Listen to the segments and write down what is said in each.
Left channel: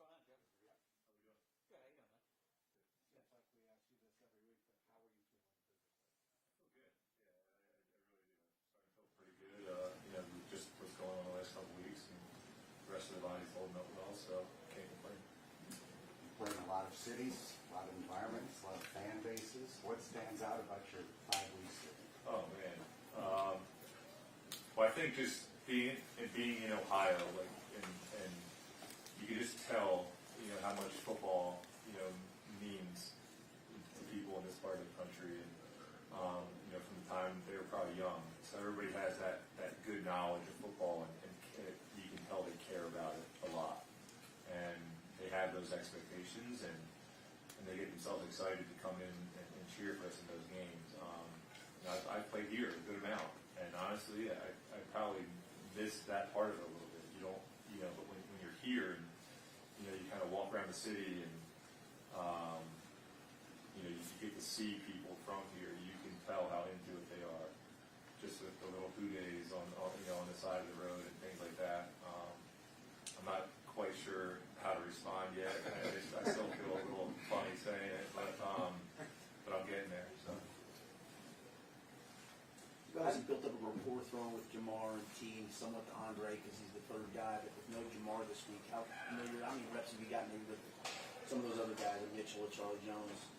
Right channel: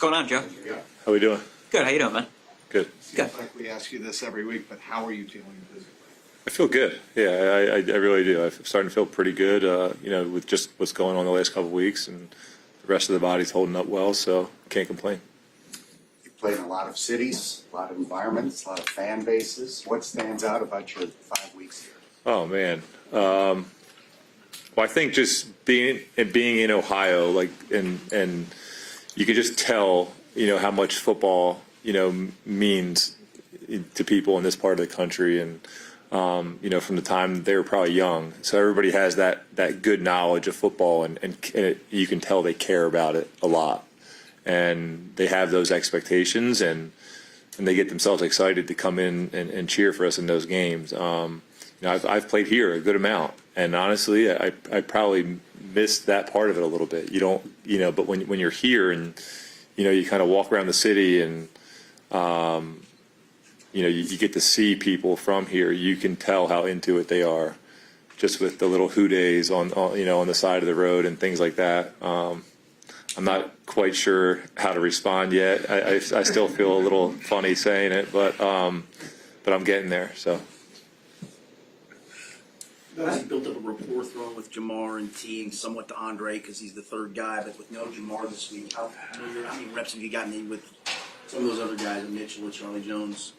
going on, Joe? How we doing? Good. How you doing, man? Good. Good. Like we ask you this every week, but how are you feeling physically? I feel good. Yeah, I really do. I'm starting to feel pretty good, with just what's going on the last couple of weeks, and the rest of the body's holding up well, so can't complain. You played in a lot of cities, a lot of environments, a lot of fan bases. What stands out about your 5 weeks here? Oh, man. Well, I think just being in Ohio, and you can just tell, how much football, means to people in this part of the country, and from the time they were probably young. So everybody has that good knowledge of football, and you can tell they care about it a lot. And they have those expectations, and they get themselves excited to come in and cheer for us in those games. I've played here a good amount, and honestly, I probably missed that part of it a little bit. You don't, but when you're here and, you kind of walk around the city and, you get to see people from here, you can tell how into it they are, just with the little hoo-days on the side of the road and things like that. I'm not quite sure how to respond yet. I still feel a little funny saying it, but I'm getting there. So. He built up a rapport throwing with Jamar and teeing somewhat to Andre because he's the third guy, but with no Jamar this week, how many reps have you gotten in with some of those other guys, Mitchell and Charlie Jones?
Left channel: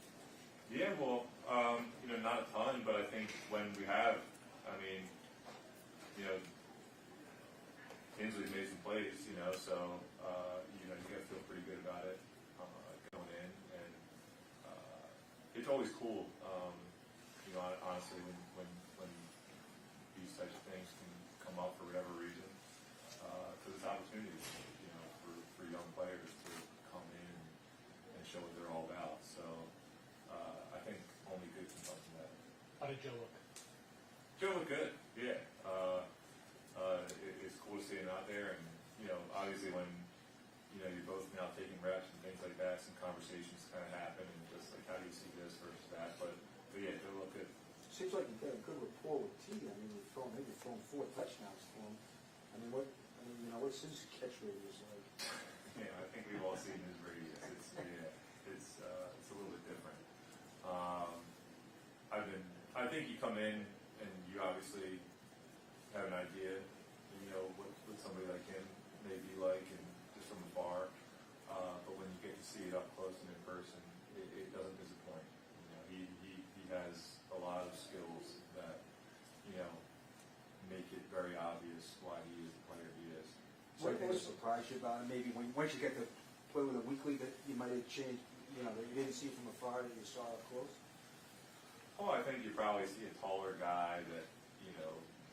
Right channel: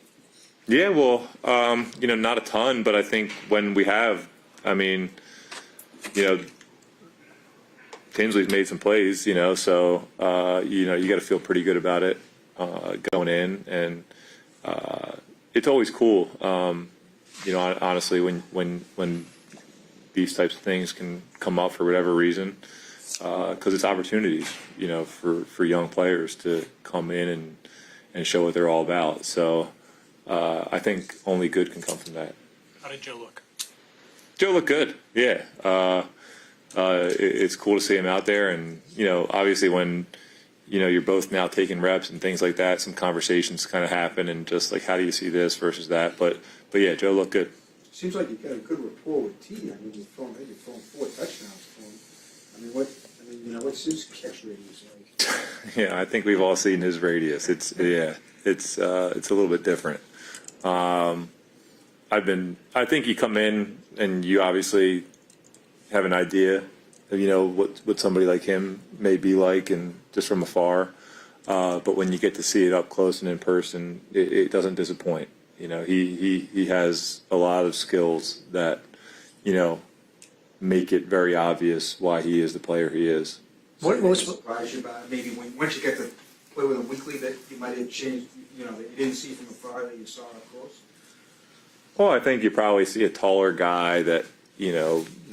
Yeah, well, not a ton, but I think when we have, Tinsley's made some plays, so, you got to feel pretty good about it going in. And it's always cool, honestly, when these types of things can come up for whatever reason, because it's opportunities, for young players to come in and show what they're all about. So I think only good can come from that. How did Joe look? Joe looked good, yeah. It's cool to see him out there, and obviously when you're both now taking reps and things like that, some conversations kind of happen, and just like, how do you see this versus that? But yeah, Joe looked good. Seems like you got a good rapport with T. You're throwing 4 touchdowns for him. What's his catch radius like? Yeah, I think we've all seen his radius. It's a little bit different. I think you come in and you obviously have an idea of, what somebody like him may be like, and just from afar. But when you get to see it up close and in person, it doesn't disappoint. He has a lot of skills that, make it very obvious why he is the player he is. What surprised you about it? Maybe once you get to play with him weekly, that you might have changed, that you didn't see from afar that you saw up close? Well, I think you probably see a taller guy that,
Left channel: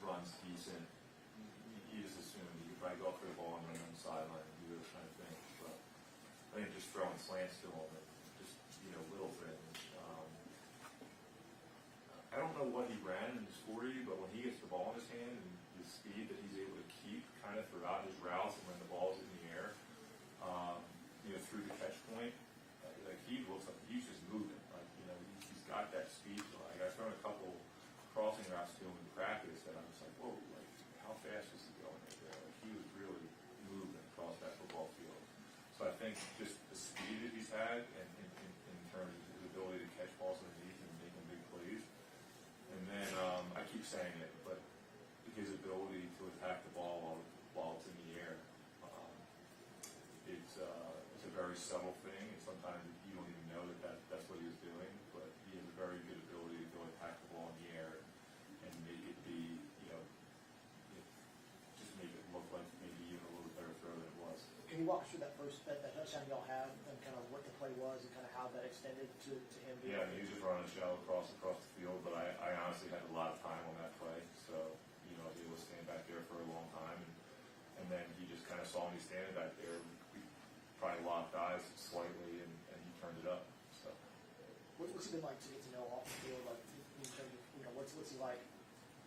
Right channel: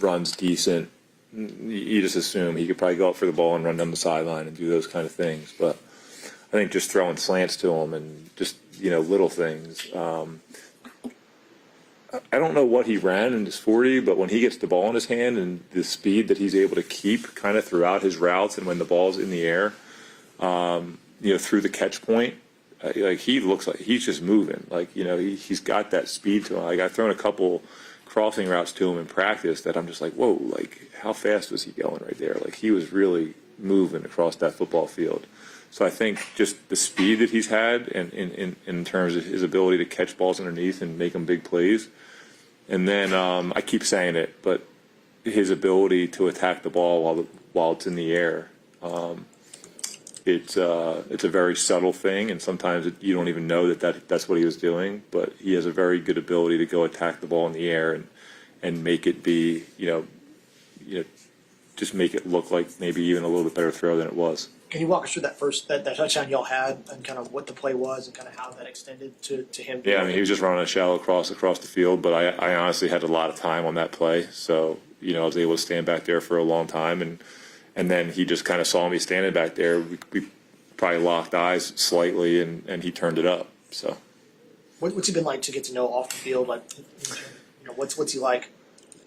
runs decent. You just assume he could probably go up for the ball and run down the sideline and do those kind of things. But I think just throwing slants to him and just, little things. I don't know what he ran in his 40, but when he gets the ball in his hand and the speed that he's able to keep kind of throughout his routes and when the ball's in the air, through the catch point, he looks like he's just moving. He's got that speed to him. I've thrown a couple crossing routes to him in practice that I'm just like, whoa, how fast was he going right there? He was really moving across that football field. So I think just the speed that he's had and in terms of his ability to catch balls underneath and make them big plays. And then I keep saying it, but his ability to attack the ball while it's in the air. It's a very subtle thing, and sometimes you don't even know that's what he was doing. But he has a very good ability to go attack the ball in the air and make it be, just make it look like maybe even a little bit better throw than it was. Can you walk us through that touchdown y'all had and kind of what the play was and kind of how that extended to him? Yeah, he was just running a shallow cross across the field, but I honestly had a lot of time on that play, so I was able to stand back there for a long time, and then he just kind of saw me standing back there. We probably locked eyes slightly, and he turned it up. So, What's he been like to get to know off the field? What's he like?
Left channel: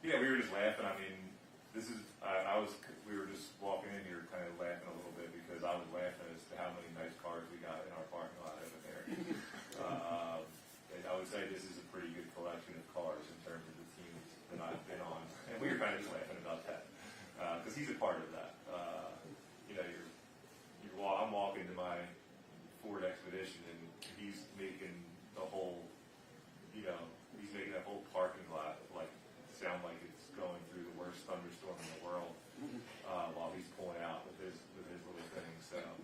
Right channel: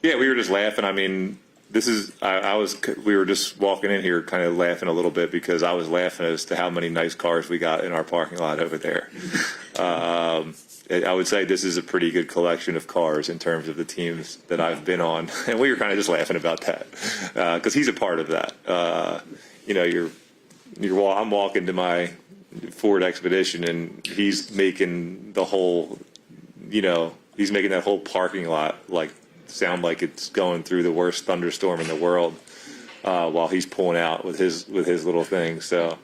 Yeah, we were just laughing. We were just walking in here kind of laughing a little bit because I was laughing as to how many nice cars we got in our parking lot over there. I would say this is a pretty good collection of cars in terms of the teams that I've been on. And we were kind of just laughing about that because he's a part of that. I'm walking to my Ford Expedition, and he's making the whole, he's making that whole parking lot sound like it's going through the worst thunderstorm in the world, while he's pulling out with his little thing. So,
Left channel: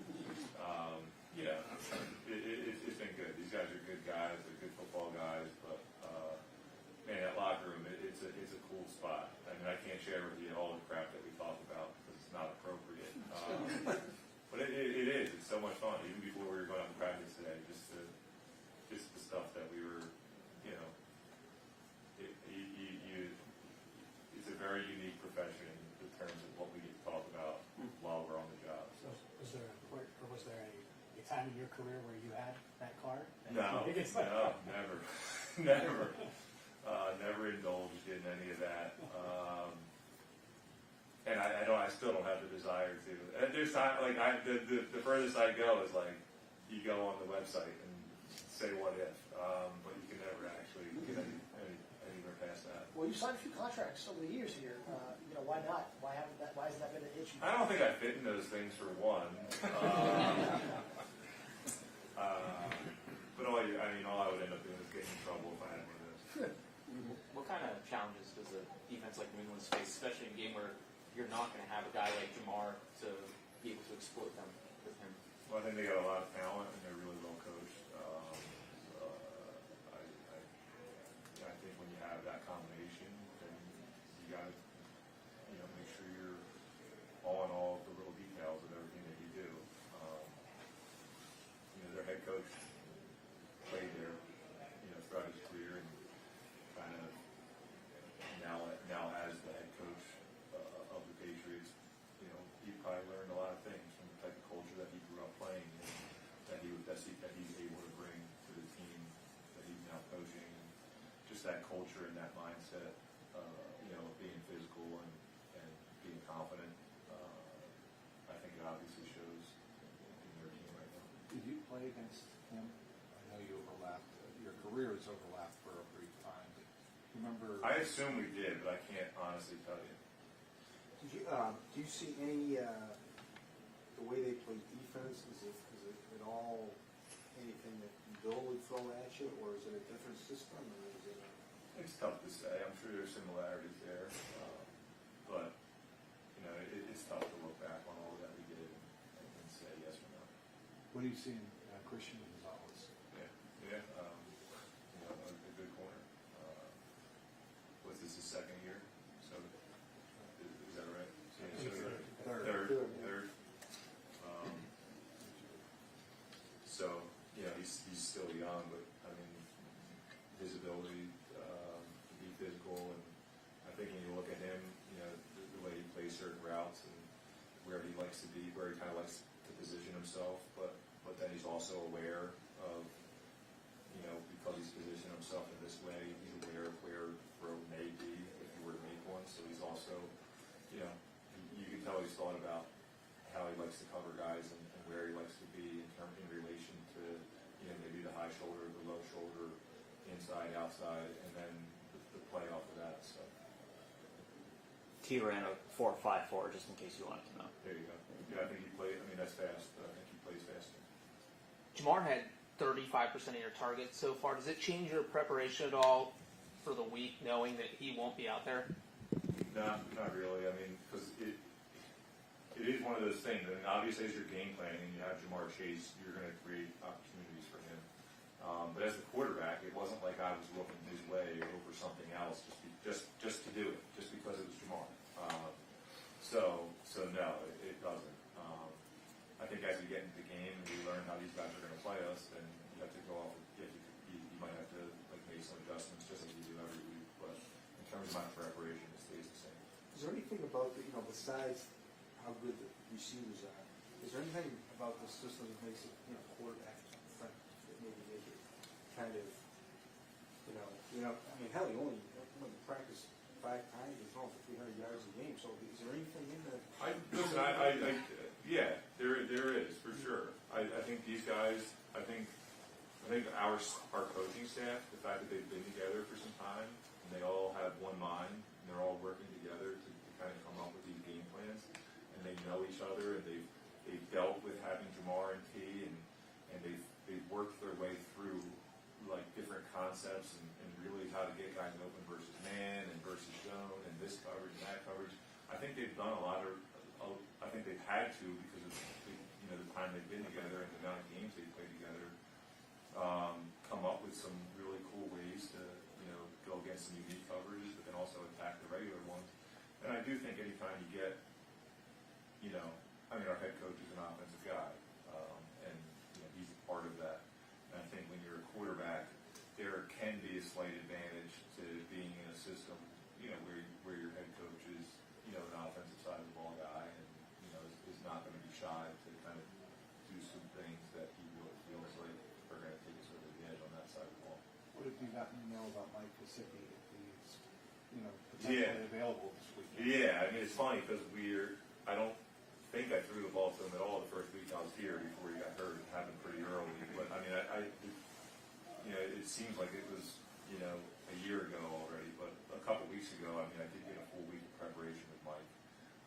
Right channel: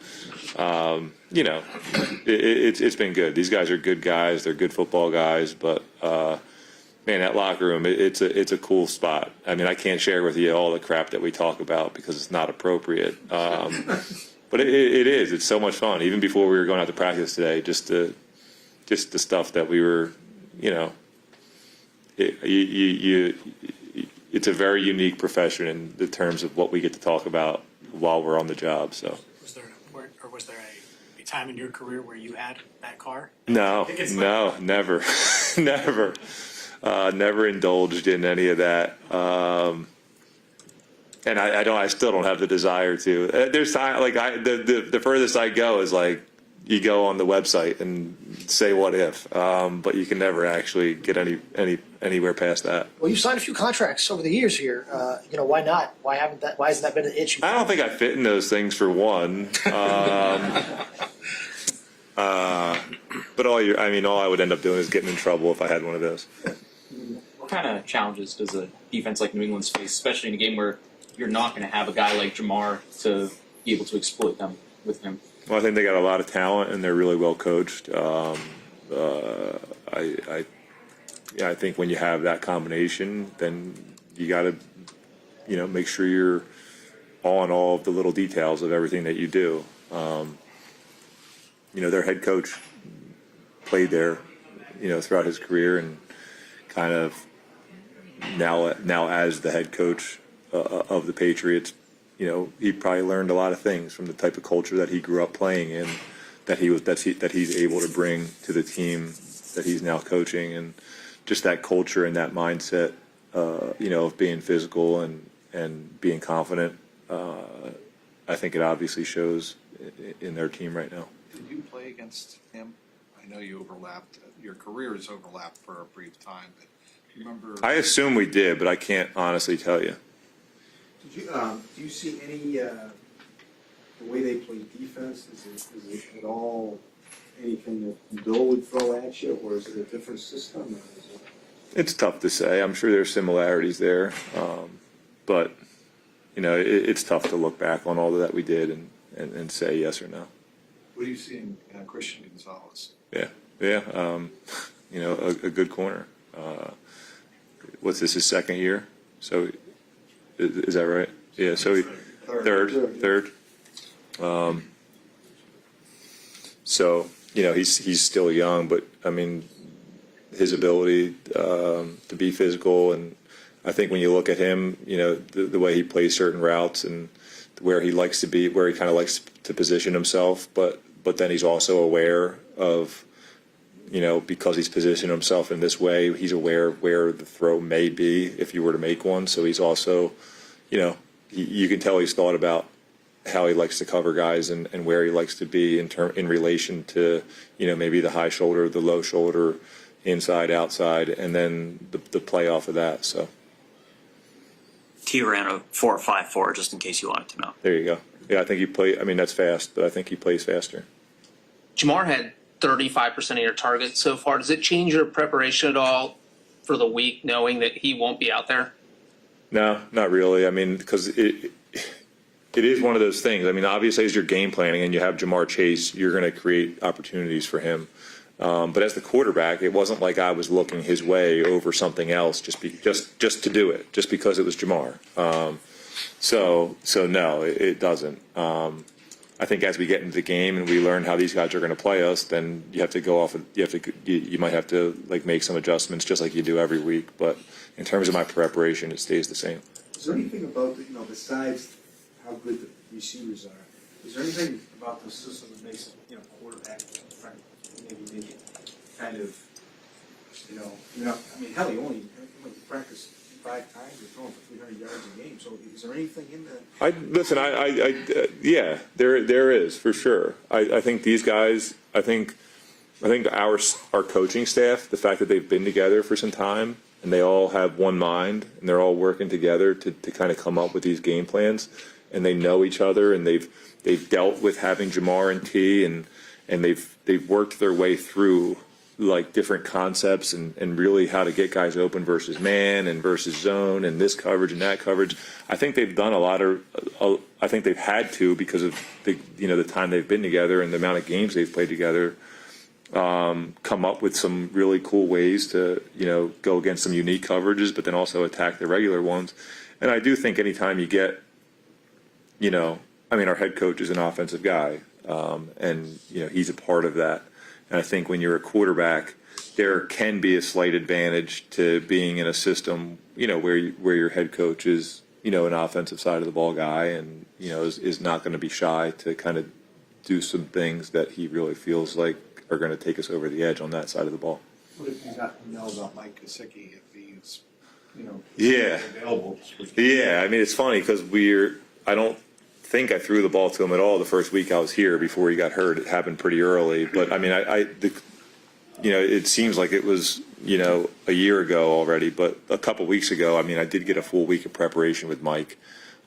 it's been good. These guys are good guys. They're good football guys, but man, that locker room, it's a cool spot. I mean, I can't share with you all the crap that we talk about because it's not appropriate. But it is. It's so much fun. Even before we were going out to practice today, just the stuff that we were, it's a very unique profession in the terms of what we get to talk about while we're on the job. So. Was there a time in your career where you had that car? No, never, never. Never indulged in any of that, and I still don't have the desire to. There's time, the furthest I go is you go on the website and say what if, but you can never actually get anywhere past that. Well, you've signed a few contracts over the years here. Why not? Why hasn't that been an issue? I don't think I fit in those things for one. But all I would end up doing is getting in trouble if I had one of those. What kind of challenges does a defense like New England face, especially in a game where you're not going to have a guy like Jamar to be able to exploit them with him? Well, I think they got a lot of talent and they're really well coached. I think when you have that combination, then you got to, make sure you're on all of the little details of everything that you do. Their head coach played there, throughout his career, and kind of now as the head coach of the Patriots, he probably learned a lot of things from the type of culture that he grew up playing in, that he's able to bring to the team that he's now coaching, and just that culture and that mindset, of being physical and being confident. I think it obviously shows in their team right now. Did you play against him? I know you overlapped. Your careers overlapped for a brief time, but do you remember? I assume we did, but I can't honestly tell you. Did you, do you see any, the way they play defense, is it at all anything that Bill would throw at you, or is it a different system? Or is it... It's tough to say. I'm sure there's similarities there, but it's tough to look back on all that we did and say yes or no. What do you see in Christian Gonzalez? Yeah, a good corner. What's this, his second year? So is that right? Yeah, so third. So he's still young, but I mean, his ability to be physical, and I think when you look at him, the way he plays certain routes and where he likes to be, where he kind of likes to position himself, but then he's also aware of, because he's positioned himself in this way, he's aware of where the throw may be if you were to make one. So he's also, you can tell he's thought about how he likes to cover guys and where he likes to be in relation to, maybe the high shoulder, the low shoulder, inside, outside, and then the play off of that. So T ran a 4.54, just in case you wanted to know. there you go. Yeah, I think that's fast, but I think he plays faster. Jamar had 35% of your targets so far. Does it change your preparation at all for the week, knowing that he won't be out there? No, not really. I mean, because it is one of those things. I mean, obviously, as you're game planning and you have Jamar Chase, you're going to create opportunities for him. But as the quarterback, it wasn't like I was looking his way over something else just to do it, just because it was Jamar. So no, it doesn't. I think as we get into the game and we learn how these guys are going to play us, then you have to go off. You might have to make some adjustments, just like you do every week. But in terms of my preparation, it stays the same. Is there anything about, besides how good the receivers are, is there anything about the system that makes quarterback maybe make it kind of, I mean, hell, you only practice 5 times or throwing for 300 yards a game. So is there anything in that? Yeah, there is for sure. I think these guys, I think our coaching staff, the fact that they've been together for some time and they all have one mind and they're all working together to kind of come up with these game plans, and they know each other, and they've dealt with having Jamar and T, and they've worked their way through like different concepts and really how to get guys open versus man and versus zone and this coverage and that coverage. I think they've done a lot of. I think they've had to because of the time they've been together and the amount of games they've played together. Come up with some really cool ways to go against some unique coverages, but then also attack the regular ones. And I do think anytime you get, our head coach is an offensive guy, and he's a part of that. And I think when you're a quarterback, there can be a slight advantage to being in a system, where your head coach is, an offensive side of the ball guy, and is not going to be shy to kind of do some things that he really feels like are going to take us over the edge on that side of the ball. What if you got to know about Mike Gesicki if he's, Yeah. available? Yeah, I mean, it's funny because I don't think I threw the ball to him at all the first week I was here before he got hurt. It happened pretty early, but I mean, it seems like it was, a year ago already, but a couple weeks ago, I mean, I did get a full week of preparation with Mike,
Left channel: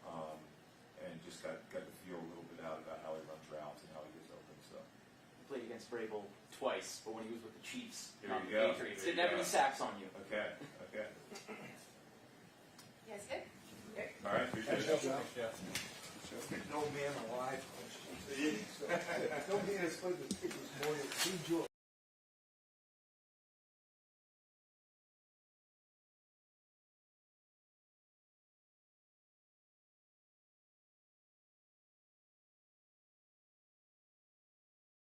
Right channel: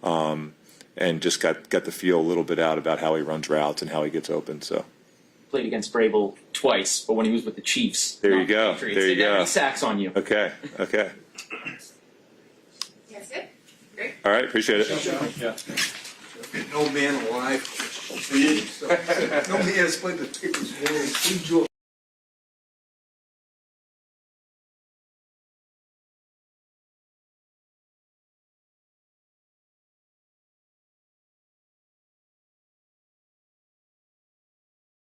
and just got to feel a little bit out about how he runs routes and how he gets open, so. Played against Brable twice, but when he was with the Chiefs. There you not the go. Patriots, There you they never go. had sacks on you. Okay. That's it. Great. All right, appreciate it. No man alive. No man has played the tickets more than Joe